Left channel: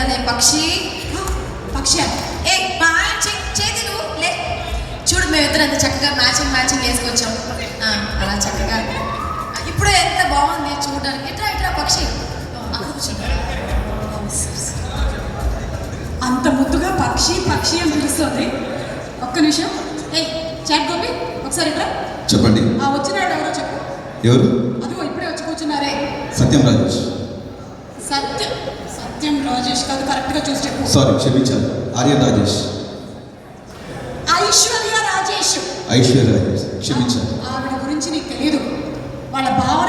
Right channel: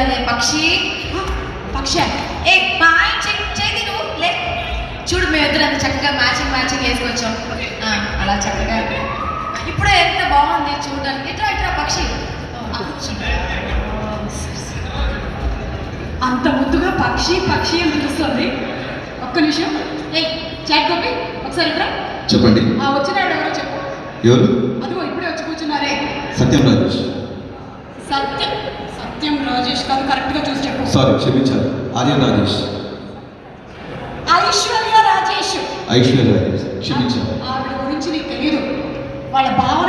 కదే పక్షి. పక్షి ఏ చేతి నువ్వు లే. చూడు మేమిద్దరు అంత చక్కగా మ్యాచింగ్ వేసుకొచ్చాం. అలా చక్కగా ఇప్పుడే ఎంత బాగుంది చూడడానికి. ఇట్రా పక్షి. అంత ముద్దుగా పక్షి అని పిలుస్తుంది. ఒక్క నిమిషం. చాట్ గోపి ఒకసారి ఇట్రా. చెప్పండి. వచ్చినాడు ఎవరో చెప్పు. ఎవరు? అదిగో ఇప్పుడే వచ్చి కూర్చున్నారే. సత్యం రాజేష్. సత్యం రాజేష్ కాదు, కరెక్ట్గా చూసి చెప్పు. సారీ, క్షమించాలి. ఆర్యన్ రాజేష్. ఐశ్వర్య రాజేష్. క్షమించాలి. ఆవిడ గురించి నీకు తెలియదు. వాళ్ళ బావ